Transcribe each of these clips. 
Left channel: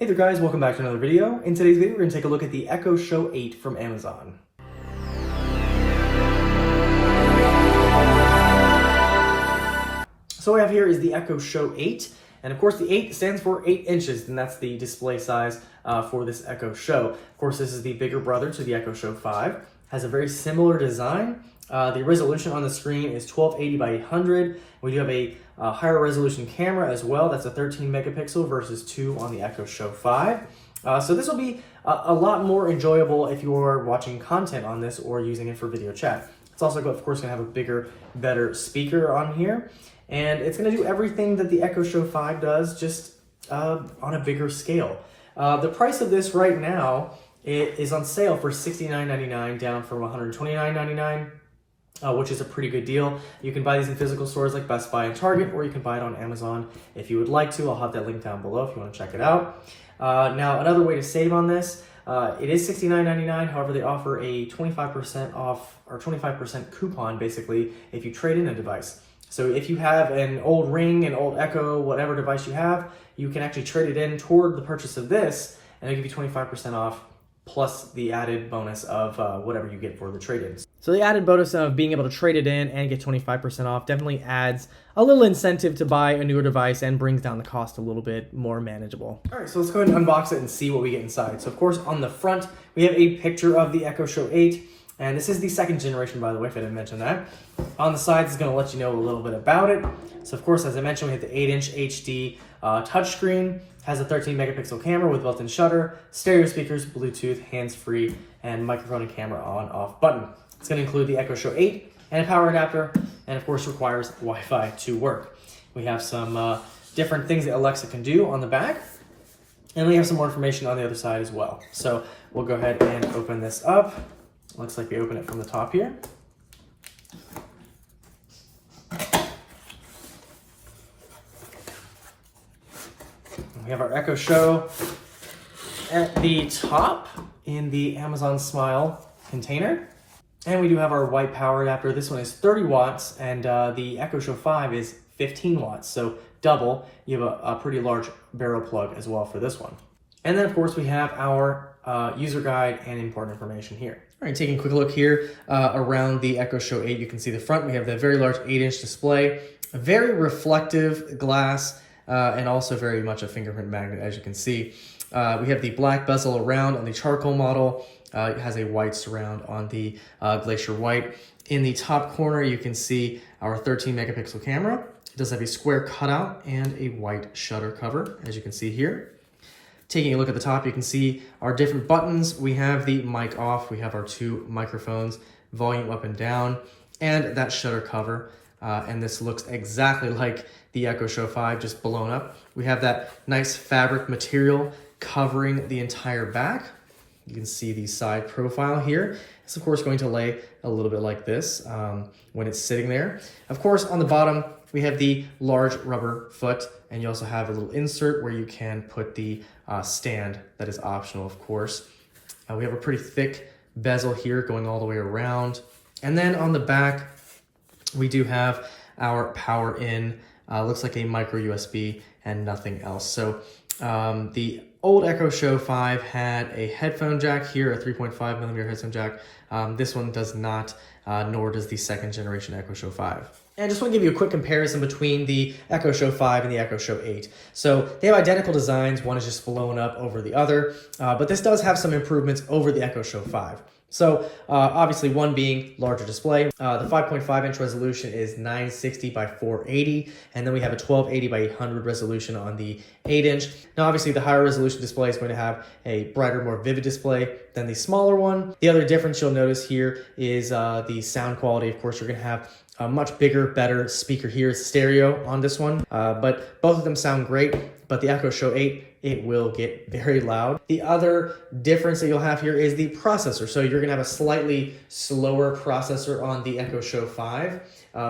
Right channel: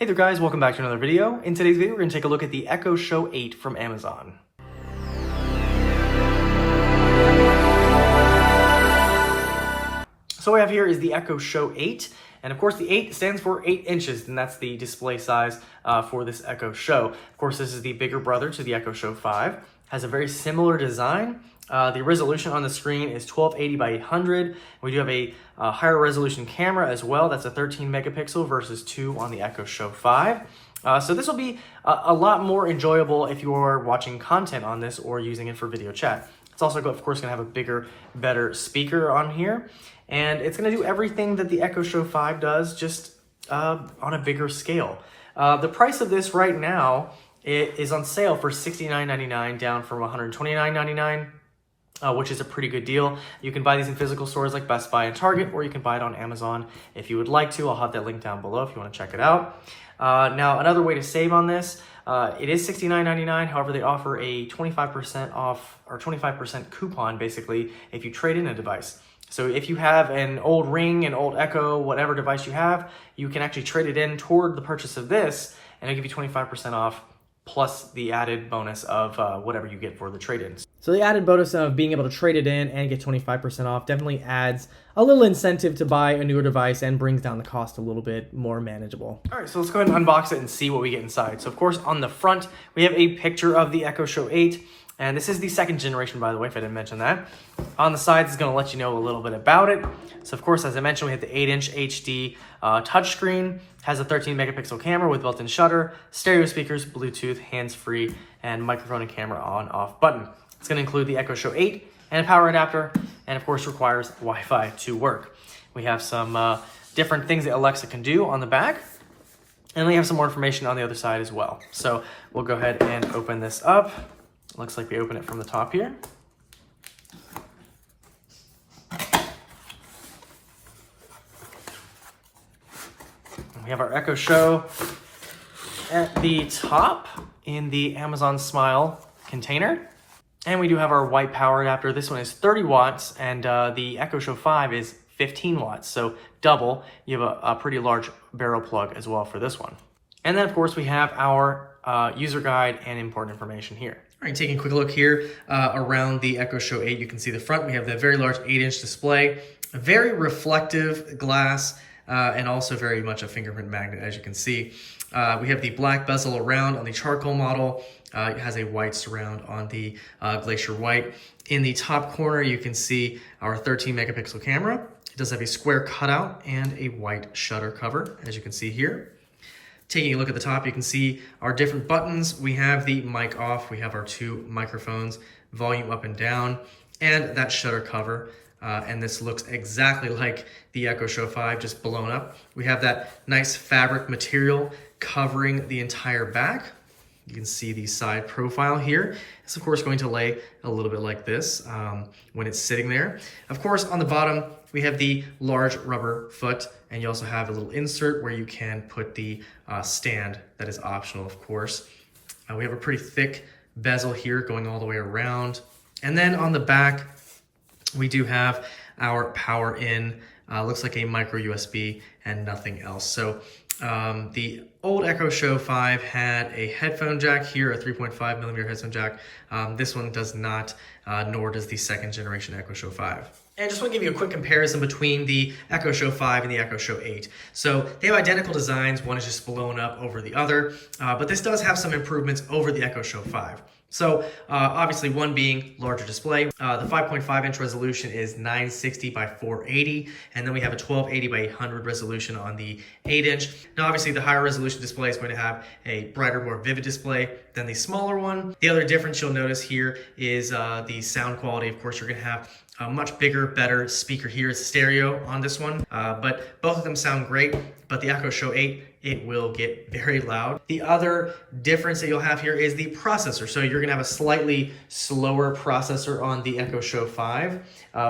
Hey there guys, welcome back to another video. In today's video, we're going to take a look at the Echo Show 8 from Amazon. So what we have here is the Echo Show 8, and of course the 8 stands for 8 inches, and that's the display size for this Echo Show. Of course, this is the bigger brother to the Echo Show 5. Has a very similar design. The resolution on the screen is 1280 by 800. We do have a higher resolution camera as well. That's a 13 megapixel versus 2 on the Echo Show 5. So this will be a lot more enjoyable if you're watching content on this or using it for video chat. It's also, of course, going to have a bigger, better speaker on here. And it's going to do everything that the Echo Show 5 does, just on a bigger scale. The price of this right now is on sale for $69.99, down from $129.99. Which is a pretty good deal. You can buy these in physical stores like Best Buy and Target, or you can buy it on Amazon if you would like to. I'll have that link down below if you want to check it out. Now, another way to save on this, it is $69.99. However, they offer a 25% off or 25% coupon, basically, if you trade in a device. So if you have an old Ring, an old Echo, whatever device you have, you can actually trade it in toward the purchase of this, and it'll give you 25% off, plus the added bonus of whatever you get for the trade-ins. So the added bonus of being able to trade it in and get 25% off definitely adds a little incentive to buy a newer device and brings down the cost a little bit more manageable. All right, so let's go ahead and unbox it and see what we get inside. So of course, on the front, we have a picture of the Echo Show 8. And this is the second generation, by the way, if I didn't mention that. On the sides, it's going to let you know a little bit about it. So, of course, as I mentioned, we have the 8-inch HD touchscreen. Has a 13 megapixel camera with built-in shutter, stereo speakers, Bluetooth, hands-free, and microphone and camera on-off button. It's going to include the Echo Show 8 and a power adapter, and of course requires Wi-Fi to work. We have some different things that Alexa can do on the back, and we have some more information on the other side as well. So we'll go ahead and open this up. Looks like we open it from the top here. We have our Echo Show at the top in the Amazon Smile container. And we do have our white power adapter. This one is 30 watts and the Echo Show 5 is 15 watts. So double. You have a pretty large barrel plug as well for this one. And then of course we have our user guide and important information here. All right, taking a quick look here around the Echo Show 8, you can see the front. We have the very large 8-inch display, a very reflective glass, and also very much a fingerprint magnet, as you can see. We have the black bezel around on the charcoal model. It has a white surround on the Glacier White. In the top corner, you can see our 13 megapixel camera. It does have a square cutout and a white shutter cover, as you can see here. Taking a look at the top, you can see our different buttons. We have the mic off, we have our 2 microphones, volume up and down, and that shutter cover. And this looks exactly like the Echo Show 5, just blown up. We have that nice fabric material covering the entire back. You can see the side profile here. It's of course going to lay a little bit like this when it's sitting there. Of course, on the bottom, we have the large rubber foot, and you also have a little insert where you can put the stand that is optional, of course. We have a pretty thick bezel here going all the way around. And then on the back, we do have our power in, looks like a micro USB and nothing else. So the old Echo Show 5 had a headphone jack here, a 3.5 millimeter headphone jack. This one does not, nor does the second generation Echo Show 5. And I just want to give you a quick comparison between the Echo Show 5 and the Echo Show 8. So they have identical designs. One is just blown up over the other, but this does have some improvements over the Echo Show 5. So obviously one being larger display. The 5.5-inch resolution is 960 by 480, and then we have a 1280 by 800 resolution on the 8-inch. Now obviously the higher resolution display is going to have a brighter, more vivid display than the smaller one. The other difference you'll notice here is the sound quality. Of course, you're going to have a much bigger, better speaker here. It's stereo on this one, but both of them sound great. But the Echo Show 8, it will get very loud. The other difference that you'll have here is the processor. So you're gonna have a slightly slower processor on the Echo Show 5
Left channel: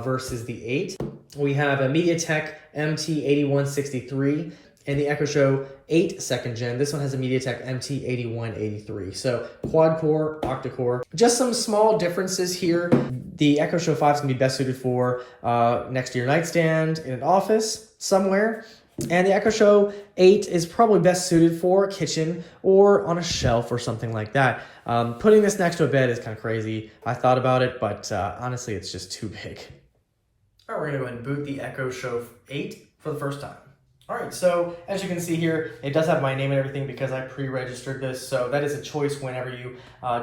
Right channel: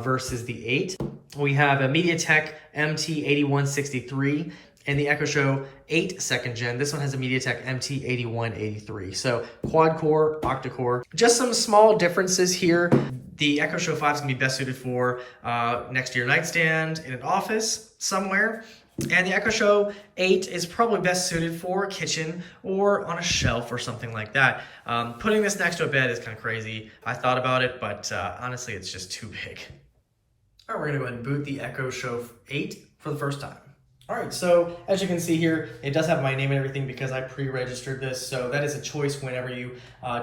versus the 8. We have a MediaTek MT8163 and the Echo Show 8 second gen. This one has a MediaTek MT8183. So quad core, octa-core. Just some small differences here. The Echo Show 5 is gonna be best suited for next to your nightstand in an office somewhere. And the Echo Show 8 is probably best suited for a kitchen or on a shelf or something like that. Putting this next to a bed is kind of crazy. I thought about it, but honestly, it's just too big. All right, we're gonna go ahead and boot the Echo Show 8 for the first time. All right, so as you can see here, it does have my name and everything because I pre-registered this. So that is a choice whenever you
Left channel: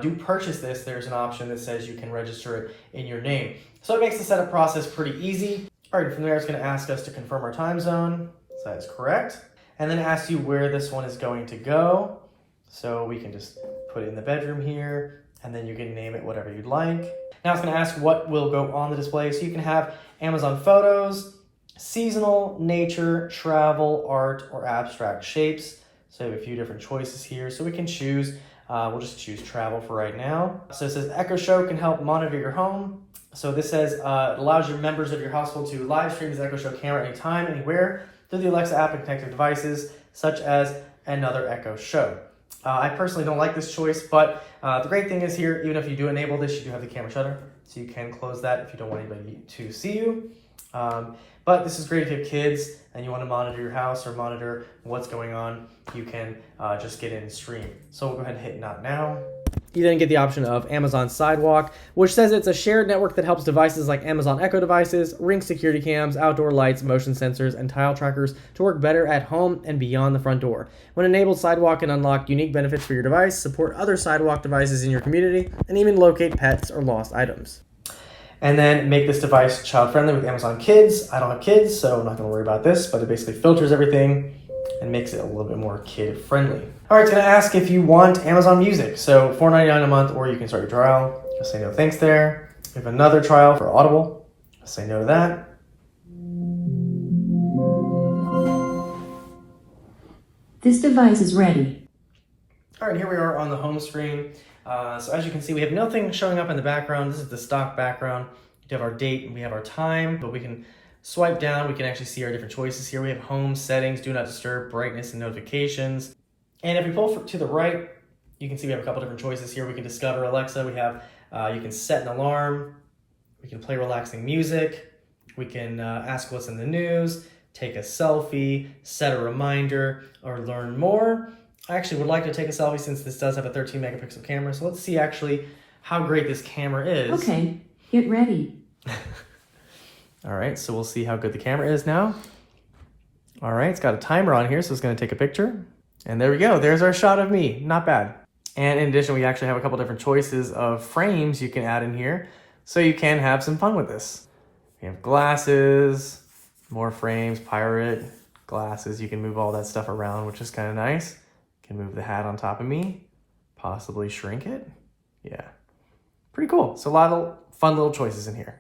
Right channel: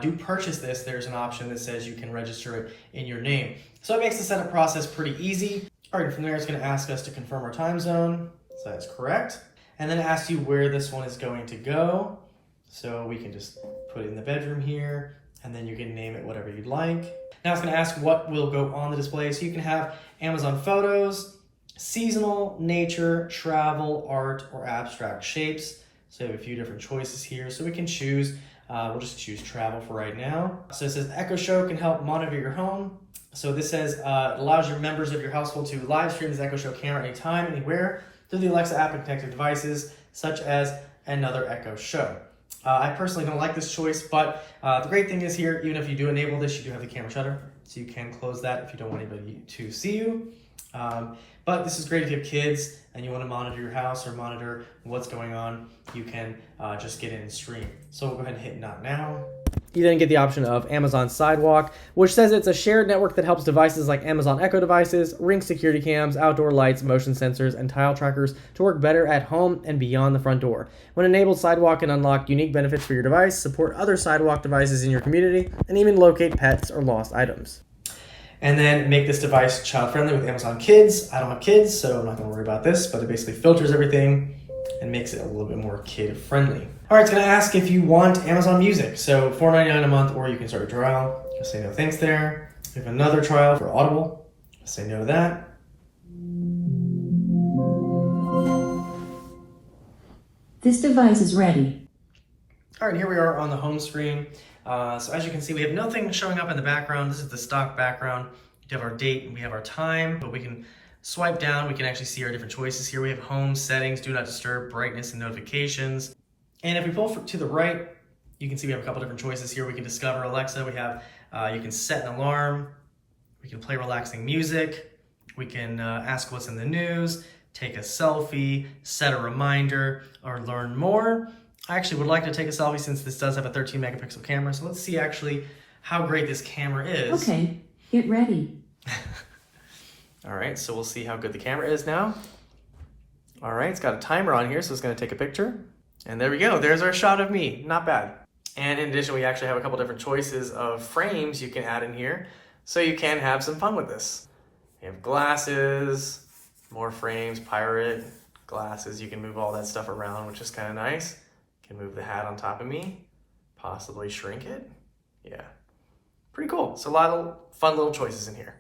do purchase this. There's an option that says you can register it in your name. So it makes the setup process pretty easy. All right, from there, it's gonna ask us to confirm our time zone. So that's correct. And then it asks you where this one is going to go. So we can just put it in the bedroom here, and then you can name it whatever you'd like. Now it's gonna ask what will go on the display. So you can have Amazon photos, seasonal, nature, travel, art, or abstract shapes. So we have a few different choices here. So we can choose, we'll just choose travel for right now. So it says Echo Show can help monitor your home. So this says, it allows your members of your household to live stream this Echo Show camera anytime, anywhere, through the Alexa app and connected devices, such as another Echo Show. I personally don't like this choice, but the great thing is here, even if you do enable this, you do have the camera shutter, so you can close that if you don't want anybody to see you. But this is great if you have kids and you want to monitor your house or monitor what's going on, you can just get in and stream. So we'll go ahead and hit Not Now. You then get the option of Amazon Sidewalk, which says it's a shared network that helps devices like Amazon Echo devices, Ring security cams, outdoor lights, motion sensors, and tile trackers to work better at home and beyond the front door. When enabled, Sidewalk can unlock unique benefits for your device, support other Sidewalk devices in your community, and even locate pets or lost items. And then make this device child-friendly with Amazon Kids. I don't have kids, so I'm not gonna worry about this, but it basically filters everything and makes it a little bit more kid-friendly. All right, it's gonna ask if you want Amazon Music. So $4.99 a month, or you can start your trial. Just say no thanks there. We have another trial for Audible. Say no to that. This device is ready. All right, here we are on the home screen. So as you can see, we have nothing showing up in the background. This is the stock background. We have our date and we have our time, but we can swipe down. We can actually see our different choices here. We have home, settings, do not disturb, brightness, and notifications. And if we pull to the right, you can see we have a couple different choices here. We can discover Alexa. We have, you can set an alarm. We can play relaxing music. We can ask what's in the news, take a selfie, set a reminder, or learn more. I actually would like to take a selfie since this does have a 13 megapixel camera. So let's see actually how great this camera is. Okay, get ready. All right, so we'll see how good the camera is now. All right, it's got a timer on here, so it's gonna take a picture. And there we go, there's our shot of me, not bad. And in addition, we actually have a couple different choices of frames you can add in here, so you can have some fun with this. You have glasses, more frames, pirate, glasses. You can move all that stuff around, which is kind of nice. You can move the hat on top of me, possibly shrink it. Yeah, pretty cool. So a lot of fun little choices in here.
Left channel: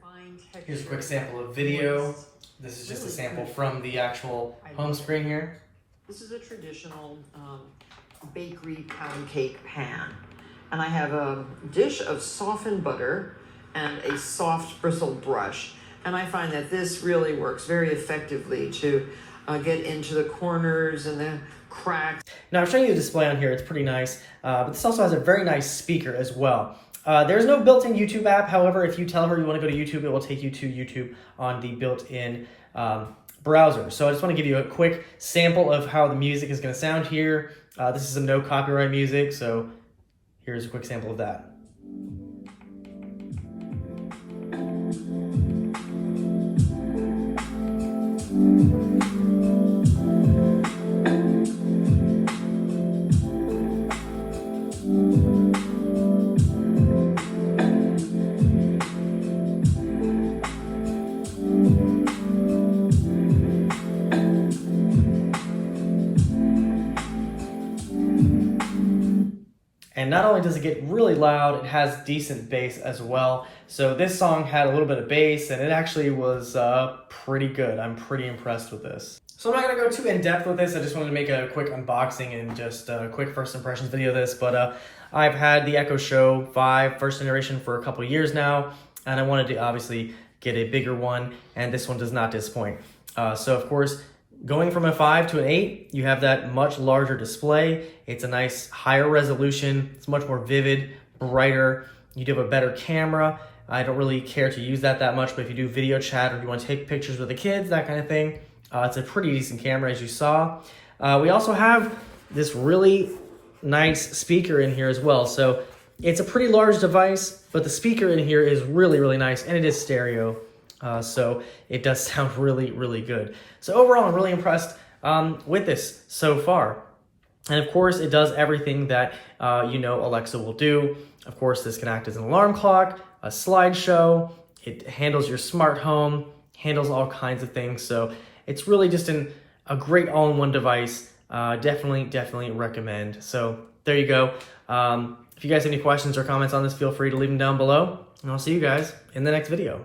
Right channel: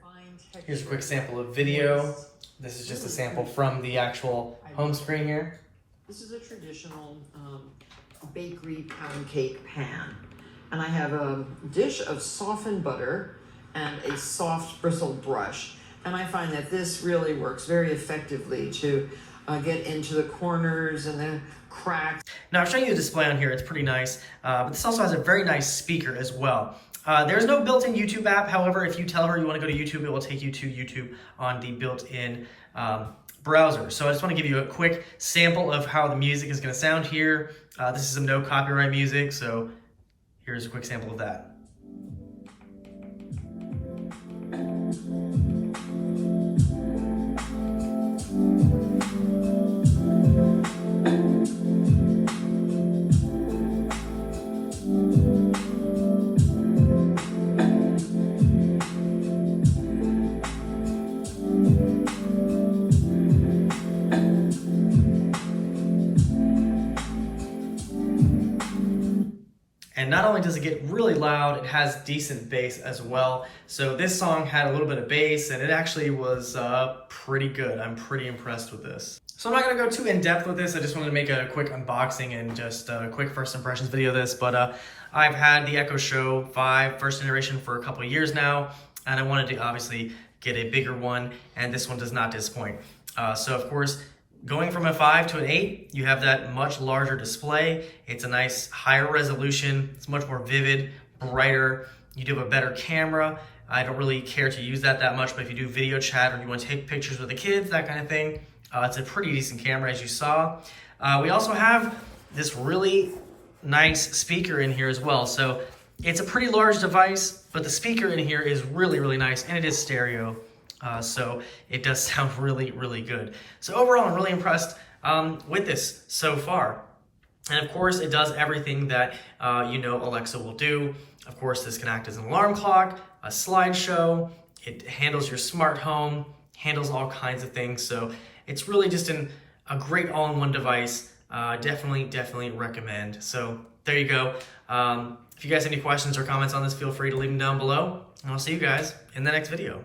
Here's a quick sample of video. This is just a sample from the actual home screen here. This is a traditional bakery pound cake pan. And I have a dish of softened butter and a soft bristled brush. And I find that this really works very effectively to get into the corners and the cracks. Now I'm showing you the display on here, it's pretty nice, but this also has a very nice speaker as well. There's no built-in YouTube app. However, if you tell her you want to go to YouTube, it will take you to YouTube on the built-in browser. So I just want to give you a quick sample of how the music is going to sound here. This is some no copyright music, so here's a quick sample of that. And not only does it get really loud, it has decent bass as well. So this song had a little bit of bass and it actually was pretty good. I'm pretty impressed with this. So I'm not gonna go too in depth with this. I just wanted to make a quick unboxing and just a quick first impressions video of this. But I've had the Echo Show 5 first generation for a couple of years now. And I wanted to obviously get a bigger one. And this one does not disappoint. So of course, going from a 5 to an 8, you have that much larger display. It's a nice higher resolution. It's much more vivid, brighter. You do have a better camera. I don't really care to use that much, but if you do video chat or you want to take pictures with the kids, that kind of thing, It's a pretty decent camera, as you saw. We also have this really nice speaker in here as well. So it's a pretty large device, but the speaker in here is really, really nice, and it is stereo. So it does sound really, really good. So overall, I'm really impressed with this so far. And of course, it does everything that you know Alexa will do. Of course, this can act as an alarm clock, a slideshow. It handles your smart home, handles all kinds of things. So it's really just a great all-in-one device. Definitely recommend. So there you go. If you guys have any questions or comments on this, feel free to leave them down below. And I'll see you guys in the next video.